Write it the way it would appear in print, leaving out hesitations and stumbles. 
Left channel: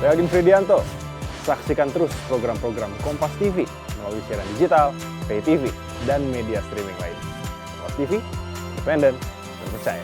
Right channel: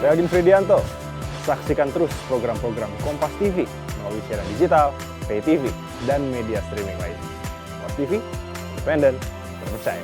Saya Aldin Fridianto. Saksikan terus program-program Kompas TV melalui siaran digital, pay TV, dan media streaming lain. Kompas TV, independen, terpercaya.